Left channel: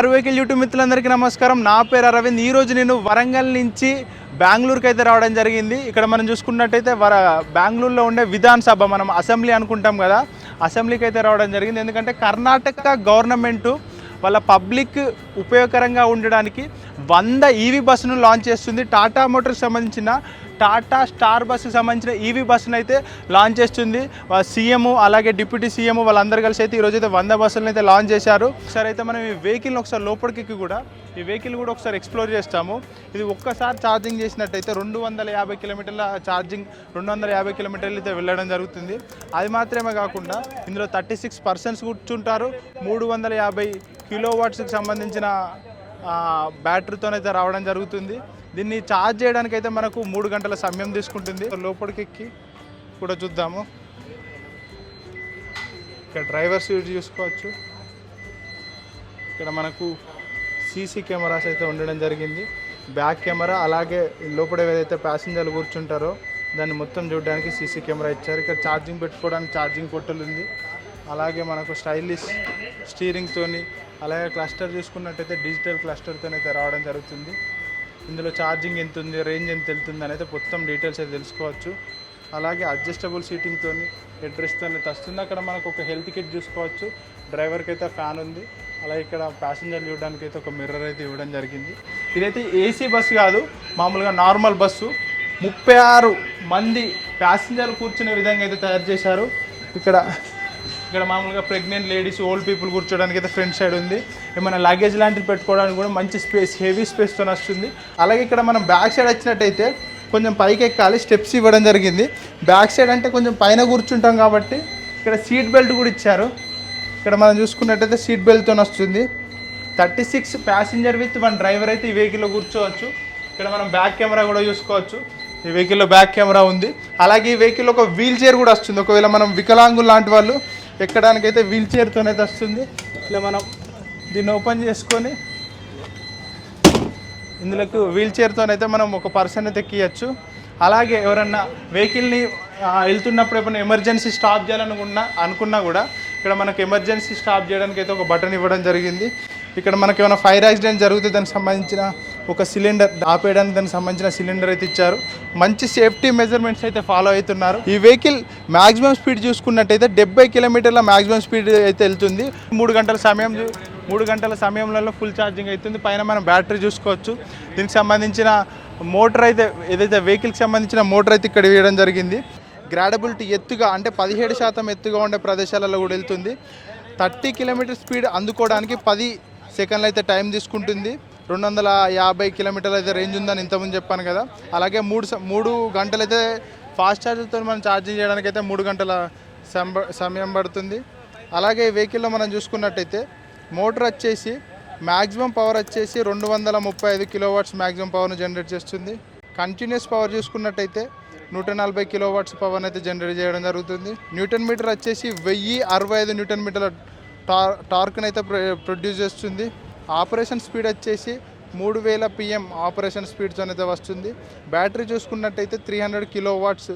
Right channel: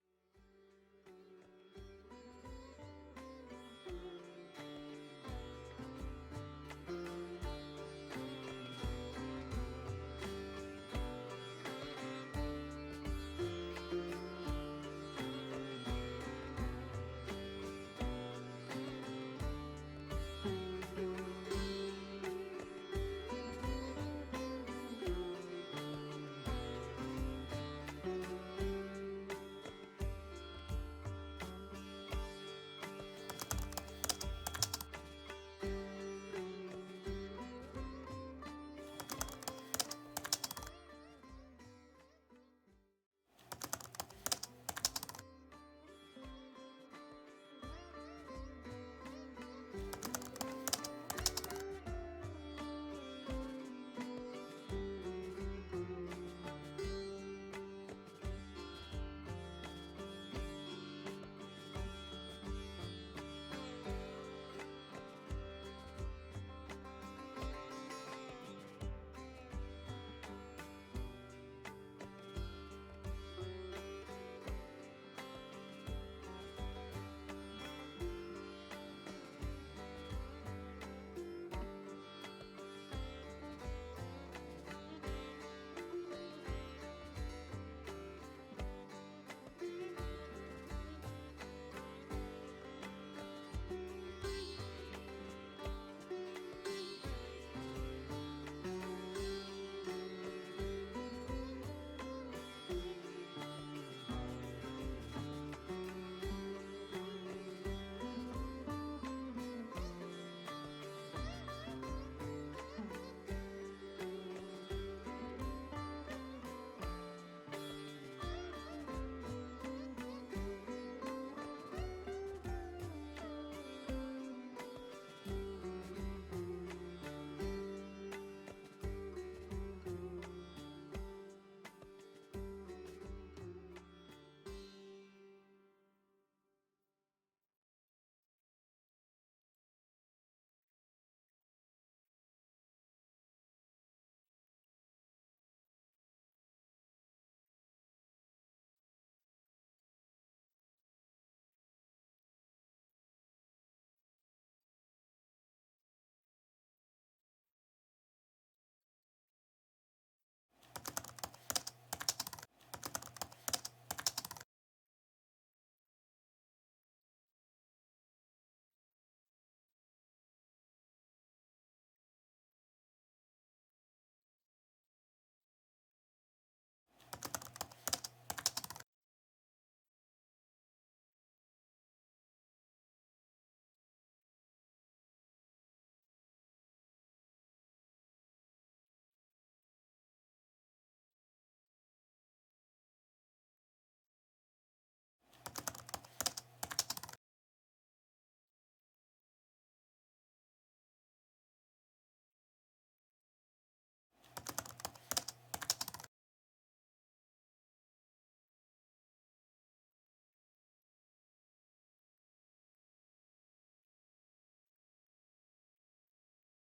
Car vehicle YouTube మిత్రులందరికీ నమస్కారం. నా పేరు అరవింద్. ఈరోజు నేను వరంగల్ నుంచి బెంగళూరుకి అయితే రావడం జరిగింది. ఇక్కడ మనం చూసుకున్నట్టయితే వర బెంగళూరులో ఉండే విధాన్ సభ మనం అసెంబ్లీ అనుకుంటాం కదా అసెంబ్లీకి అయితే రావడం జరిగింది. ఎందుకంటే కర్ణాటక గవర్నమెంటు వాళ్ళ పబ్లిక్ ఉపయోగకరంగా ఉండడానికి వంద ఈవీ బస్సును లాంచ్ చేస్తుంది. టాటా మోటార్స్ సంబంధించిన టాటా స్టార్ బస్సు సంబంధించిన ఈవీ బస్సును అయితే లాంచ్ చేస్తుంది. సీఎం అలాగే డిప్యూటీ సీఎం వాళ్ళందరూ కలిసి అయితే ఈరోజు అయితే వంద బస్సులను అయితే లాంచ్ చేశారు. ఒకసారి అయితే మనం ఈ వెహికల్ని ఒకసారి లోపలికి కూడా ఈ వెహికల్ కూడా ఒకసారి ఎక్స్ప్లోర్ చేస్తాము. ఇది ఒక్కసారి ఛార్జింగ్ చేసినట్టయితే రెండు వందల యాభై కిలోమీటర్ల ఛార్జింగ్ రెండు వందల యాభై కిలోమీటర్లు అయితే వెళ్ళడం జరుగుతుంది. అది మాత్రమే కాకుండా ఇందులో థర్టీ సిక్స్ పర్సన్స్ కూర్చుంటారు. మూడు వందల యాభై కిలో వాట్స్కి సంబంధించిన బ్యాటరీతోనైతే రావడం జరుగుతుంది. దీన్ని ఛార్జ్ చేయడానికి అయితే మనకు మూడు గంటల సమయం తీసుకుంటుంది. లోపలికి ఎక్కి కూడా చూద్దాము. ఇక్కడ డ్రైవర్ సీట్ చూసుకోవచ్చు. ఇక్కడ మనకు సీసీ కెమెరాస్ అయితే ఉండడం జరిగింది. బ్యాక్ కెమెరా అలాగే లోపల ఏదైతే ప్యాసింజర్లు కూర్చుంటారో దాన్ని మొత్తం చూడడానికి సీసీ కెమెరా ఇచ్చారు. ఇక్కడ ఛార్జింగ్ పెట్టుకోవడానికి ఛార్జింగ్ కొట్టలు ఉంది. అలాగే మనకు స్టైలిష్ స్టీరింగ్తోని అలాగే క్లస్టర్ చూసుకున్నట్టయితే డిజిటల్ క్లస్టర్తో అయితే రావడం జరుగుతుంది. ఇందులో ఛార్జింగ్ ఎంత ఉంది రేంజ్ ఎంత వెళ్తుంది అనేది మొత్తం డీటెయిల్స్ అయితే తెలుసుకోవచ్చు. అలాగే అడ్జస్టబుల్ సీటింగ్తో హెడ్రెస్ట్తో వస్తుంది. అక్కడ మనకు ఒక హెల్త్ కిట్ చూసుకోవచ్చు. డ్రైవర్కి అయితే ఫ్యాన్ ఉంది. అలాగే ఇక్కడ ప్యాసింజర్ చూడడానికి అయితే ఒక మిర్రర్ అయితే ఇవ్వడం జరిగింది. ఇదైతే ఏసీ బస్సు కాదు మామూలుగా నార్మల్ బస్సు. ముప్పై ఆరు మంది ప్యాసింజర్లు కూర్చునే విధంగా అయితే తయారు చేశారు. ఇక్కడ ఇక్కడ మామూలుగా ప్రెగ్నెంట్ లేడీస్ ఓల్డ్ పీపుల్ కూర్చోడానికి అయితే ఫ్రంట్ సైడ్ ఉంది. ఏమైనా లగేజ్ లాంటివి పెట్టుకోవడానికి కూడా మంచి స్పేస్ హెవీ స్పేస్తో వస్తుంది. అలాగే ఇక్కడ మనం బ్యాక్ సైడ్ వచ్చినట్టయితే కొంచెం పైకి ఎక్కాలి స్టెప్స్ ఇవ్వడం జరిగింది. బ్యాక్ సైడ్ అంటే కొంచెం పైన కూర్చుంటాం కాబట్టి ఇక్కడ సీట్ బెల్ట్ కూడా ఇచ్చారు. ఇక్కడ మనం చూసుకున్నట్టయితే సీట్ బెల్ట్తో వస్తుంది. Thirty six passenger with one driver అయితే ఈ వెహికల్లో కూర్చోవచ్చు. ఇక్కడ మనం బ్యాక్ కెమెరా కూడా చూసుకోవచ్చు. ఈ వెహికల్లో బ్యాక్ కెమెరా ఉంది. అలాగే ఈ వెహికల్ ఒక వీల్ చైర్ కూడా వస్తుంది. ఒకవేళ మనం వికలాంగులు లాంటి వాళ్ళు ఎక్కడానికైతే వీల్ చైర్తోనైతే వస్తుంది ఇలా మనం దీన్ని ఓపెన్ చేసుకొని ఇందులోకి వీల్ చైర్తోనైతే మనం ఒక పర్సన్ అయితే ఎక్కియచ్చు. అలాగే ఎవరన్నా వెహికల్ని వెళ్తున్నప్పుడు ఏమైనా ఎమర్జెన్సీ స్టాప్ చేయాలనుకున్నా అనుకున్నా కూడా ఇక్కడ మనకు ఎమర్జెన్సీ స్టాప్ చేయడానికి అయితే ఒక బటన్ ఇవ్వడం జరిగింది. ఇక్కడ మనకి ఏమైనా ఫైర్ యాక్సిడెంట్ జరిగితే దానికి సంబంధించిన ఒక సిలిండర్ ఆపేయడానికి దానికి సంబంధించిన సిలిండర్ అయితే ఇచ్చారు. మంచి సేఫ్టీ మెజర్మెంట్స్ అయితే ఫాలో అవుతున్నారు. ఈ వెహికల్ మాక్సిమం స్పీడ్ చూసుకున్నట్టయితే డెబ్బై కిలోమీటర్ల మాక్సిమం స్పీడ్ అయితే వెళ్తుంది. మూడు గంటల సమయం మూడు గంటల సమయంలో ఫుల్ ఛార్జింగ్ అవుతుంది. పైన మనం బ్యాటరీ చూసుకోవచ్చు. దీనికి సంబంధించిన మోటార్ అయితే ఏదైతే వెహికల్కి సంబంధించిన మోటార్ అయితే ఇక్కడ వేయడం జరిగింది. గ్రాడబిలిటీ ఎత్తుగా అంటే పదిహేడు శాతం ఎత్తుగా ఉండే ప్రదేశాలలో కూడా వెళ్తుంది. థర్టీ కిలోమీటర్ స్పీడ్ అందుకోవడానికి పది సెకండ్లు అయితే టైం తీసుకుంటుంది. రెండు వందల యాభై కిలోమీటర్లు అయితే రేంజ్ ఉందని ఇంతకుముందు చెప్పాను కదా. అలాగే మూడు స- మూడు గంటలు అయితే ఫాస్ట్ ఛార్జర్తో మనం ఛార్జింగ్ చేయడానికి అయితే మూడు గంటల సంబ- సమయం పడుతుంది. అలాగే ఈ వెహికల్లో మనం చూసుకున్నట్టయితే మోటార్ వచ్చేసి మ్యాక్సిమం పవర్ వచ్చేసి రెండు వందల ముప్పై ఐదు కిలోవాట్స్ మ్యాక్సిమం పవర్ను జనరేట్ చేస్తుంది. కంటిన్యూస్ పవర్ చూసుకున్నట్టయితే నూట నలభై కిలోవాట్స్ పవర్ని అయితే జనరేట్ చేయడం జరుగుతుంది. న్యూటన్ మీటర్ వచ్చేసి వెయ్యి అరవై ఐదు న్యూటన్ మీటర్ల టార్ టార్క్ని అయితే ప్రొడ్యూస్ చేస్తుంది. ఆపరేషన్ స్పీడ్ వచ్చేసి మూడు వేల పిఎం ఆపరేషన్ స్పీడ్స్ అనేది వస్తుంది. బ్యాటరీ చూసుకున్నట్టయితే three hundred kilo watts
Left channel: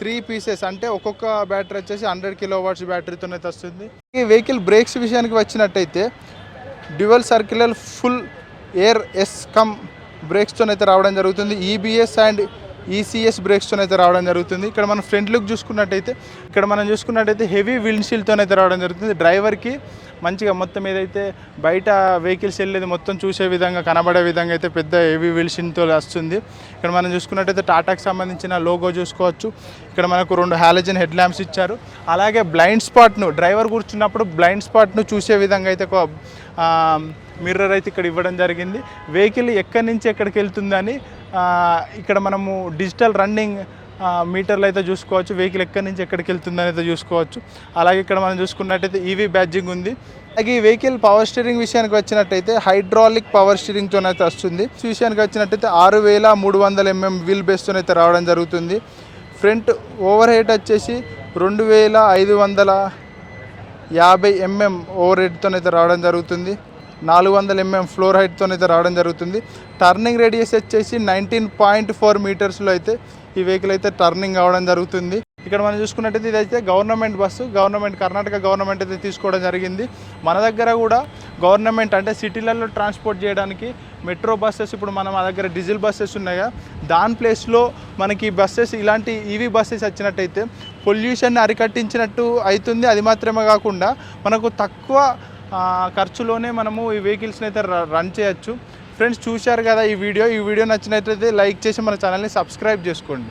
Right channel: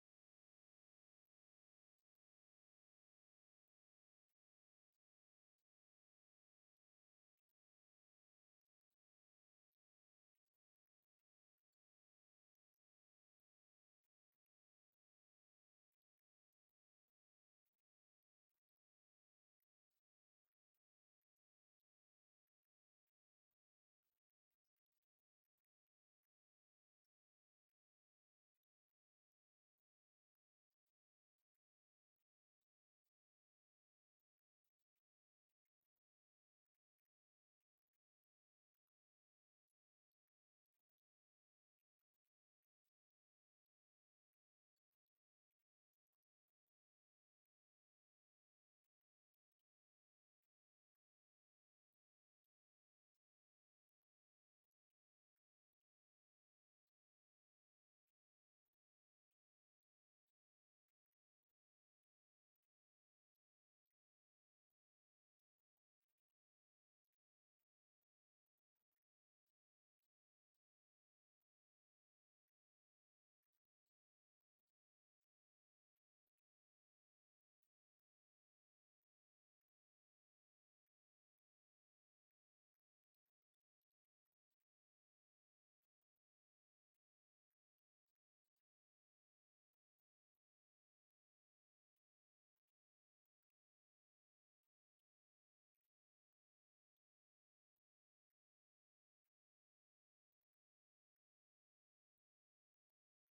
three pieces అంటే ఒక్కొక్క బ్యాటరీ వచ్చేసి హండ్రెడ్ కిలో వాట్స్ బ్యాటరీతో అయితే వస్తుంది. ఈ వెహికల్ బ్రేక్స్ విషయానికి వచ్చినట్టయితే dual circular full air S cam బ్రేక్స్తో అయితే రావడం జరుగుతుంది. ఈబీఎస్ అండ్ ఈసీఎస్ బ్రేక్స్తో అయితే రావడం జరుగుతుంది. ఇక్కడ మనం ఫ్రంట్ లుక్ చూసుకున్నట్టయితే ఇక్కడ మనం చూసుకున్నట్టయితే హెవీ విండ్షీల్డ్తో అయితే రావడం జరుగుతుంది. డ్రైవర్కి మంచిగా మొత్తం ఏదైతే బయట వెహికల్స్ వెళ్ళేది మొత్తం చూసే విధంగా కనబడే విధంగా అయితే పెద్ద హెవీ విల్షిన్తో వస్తుంది. ఇక్కడ మనం చూసుకున్నట్టయితే టాటాకి సంబంధించిన లోగో చూసుకోవచ్చు. ఇక్కడ మనకు రెండు హాలజన్ హెడ్ ల్యాంప్స్ ఇచ్చారు. అలాగే బ్లైండ్ స్పాట్ను డ్రైవర్ కూర్చున్నప్పుడు బ్లైండ్ స్పాట్ను చూసే విధంగా అయితే ఒక మిర్రర్ అయితే ఇక్కడ ఇవ్వడం జరిగింది. వెహికల్ ఎక్కడి నుంచి ఎక్కడికి వెళ్తుందని ఇక్కడ మనము డిజిటల్ రన్నింగ్ మీటర్లు అయితే చూసుకోవచ్చు వెహికల్ ఎక్కడి నుంచి ఎక్కడికి వెళ్తుందని అయితే చూసుకోవచ్చు. అలాగే ఇక్కడ మనం చూసుకున్నట్టయితే ఈవీ బ్యాడ్జింగ్ ఉంది. అలాగే ఈ వెహికల్ పవర్ స్టీరింగ్ విషయానికి వచ్చినట్టయితే హైడ్రాలిక్ పవర్ స్టీరింగ్తో అయితే వస్తుంది. విషయానికి వచ్చినట్టయితే ఆరు వేల మూడు వందల ఎంఎం వీల్ బేస్తో అయితే రావడం జరుగుతుంది. ఫ్రంట్ ఓవర్ హెడ్ వచ్చేసి రెండు వేల ఐదు వందల యాభై ఎంఎం ఓవర్ హెడ్తో అయితే రావడం జరుగుతుంది. నాలుగు వందల ఎంఎం ఫ్లోర్ హైట్తో అయితే రావడం జరుగుతుంది. టర్నింగ్ రేడియస్ వచ్చేసి నైన్టీన్ పాయింట్ ఫోర్ మీటర్స్లో అయితే ఈ వెహికల్ అయితే టర్నింగ్ అవడం జరుగుతుంది. ఇక్కడ మనం చూసుకున్నట్టయితే ఇదైతే government bus government Karnataka government అయితే తీసుకోవడం జరిగింది. మన దగ్గర కూడా గవర్నమెంట్ అంటే సిటీలలో ట్రాన్స్పోర్ట్ చేయడానికి మెట్రో బస్సెస్ ఇప్పుడు మన మా దగ్గర డీజిల్ బస్సెస్ ఉన్నాయా దాని ప్లేస్లో మనకి బస్సెస్ ఇలాంటి ఈవీ బస్సెస్ వచ్చినట్టయితే పొల్యూషన్ అరికట్టించినట్టు అవుతుంది. అది మాత్రమే కాకుండా మనకు తక్కువ ఖర్చులోనే మనము ఈ వెహికల్స్ని అయితే ర- రన్ చేయొచ్చు. ఫ్రెండ్స్ చూశారు కదా ఈ వీడియో? ఈ వీడియో నచ్చినట్లయితే లైక్ చేసి మన ఛానల్ని సబ్స్క్రైబ్ చేసుకోండి.